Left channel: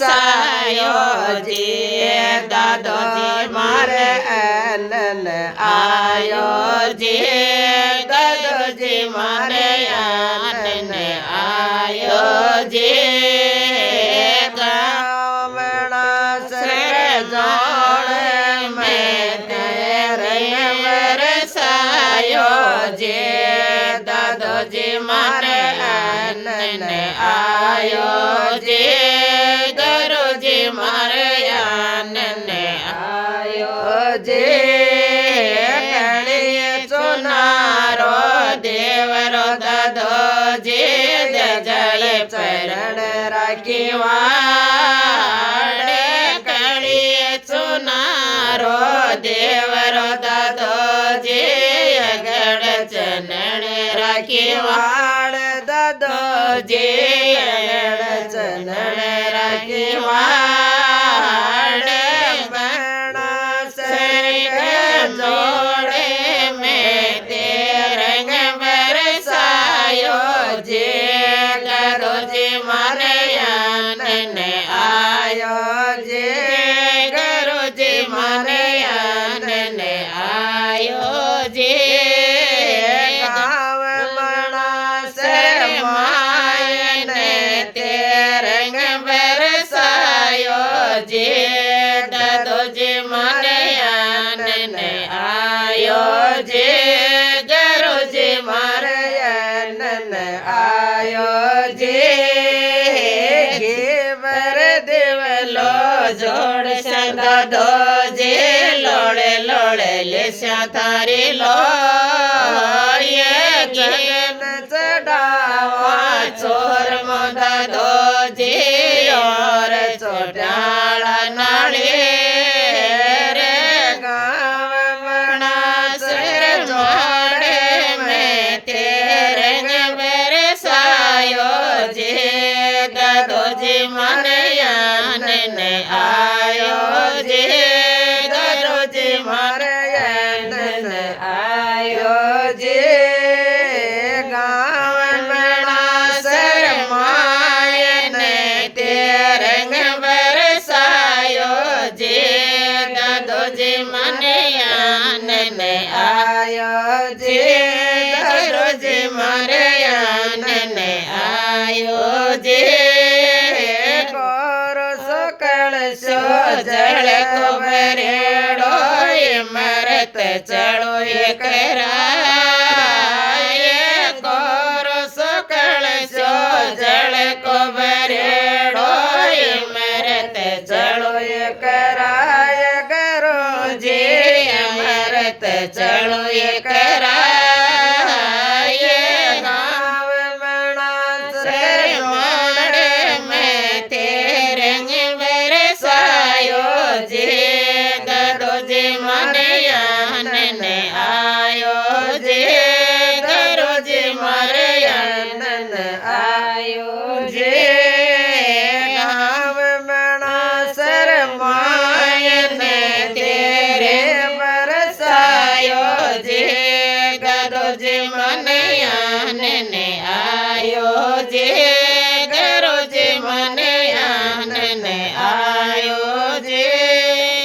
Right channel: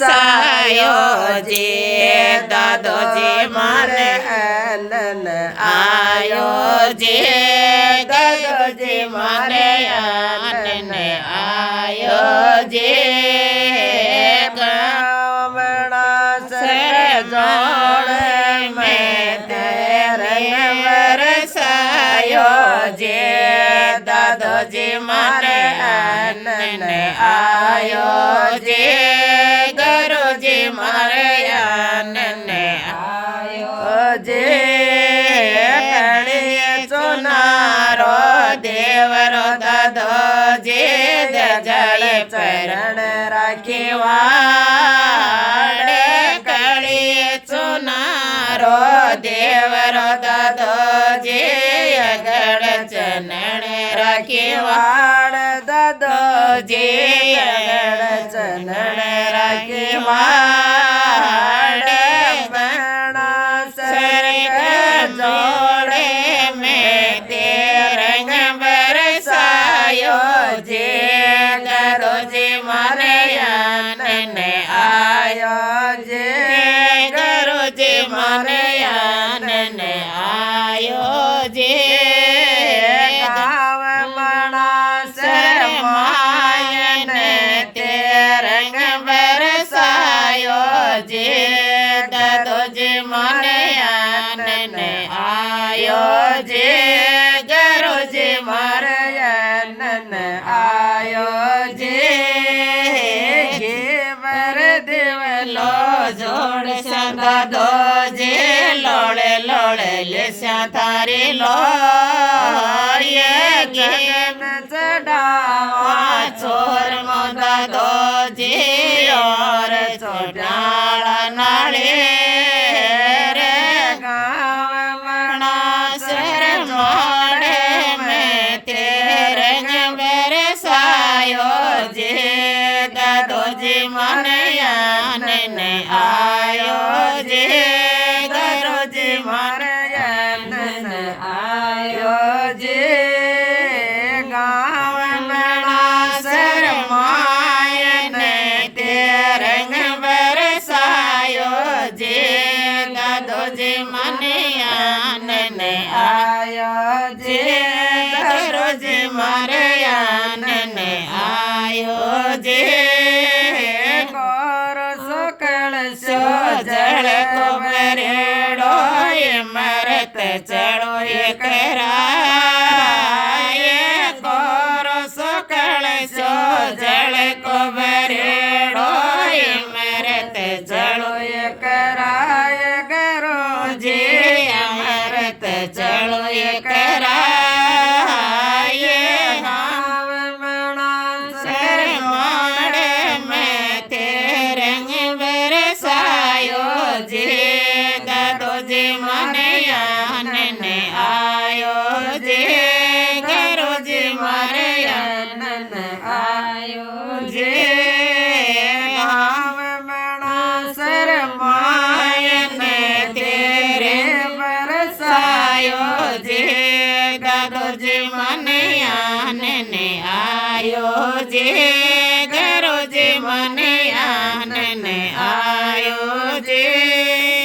सायो जी दादो जी मारे आनन आयो जी दादो जी मारे आनन आयो जी गावड़ा से जोड़े में तेरे बरसायो जी दादो जी मारे आनन आयो जी मारे आनन आयो जे कलिए चुनारो देवरो दादो जे जले चरण राखी वाड़े कलिए चुनारो देवरो दादो जे अगड़ चरण राखी वाड़ दादो जे अगड़ चरण राखी वाड़ बना सर जोड़े में तेरे बरसायो जे करो जे मारे आनन आयो जे करो जे मारे आनन आयो जे गाँव बना सर मायन तेरे बरसायो जे दादो जी मारे आनन आयो जे गरो जी मारे आनन आयो जे घेवर देवलो जोड़ दादो जे लोड़े लोड़े ले थारी लो ये जगन चढ़ावा चोर मो दादो जी और चोटाला नाले रे गाँव मना सर जोड़े में तेरे बरसायो जे दादो जी मारे आनन आयो जे दादो जी मारे आनन आयो जे गाँव मना सर मायन तेरे बरसायो जे दादो जी मारे आनन आयो जे दादो जी मारे आनन आयो जे कोरो सकल सो जल को बरेड़ो ये मरत चढ़ो ये कराए कोरो सकल सो जल को बरेड़ो ये मरत चढ़ो ये कराए करो जे अमरत चढ़ो ये कराए गाँव मना सर मोड़े में तेरे बरसायो जे दादो जी मारे आनन आयो जे दादो जी मारे आनन आयो जे गाँव मना सर मायन तेरे बरसायो जे दादो जी मारे आनन आयो जे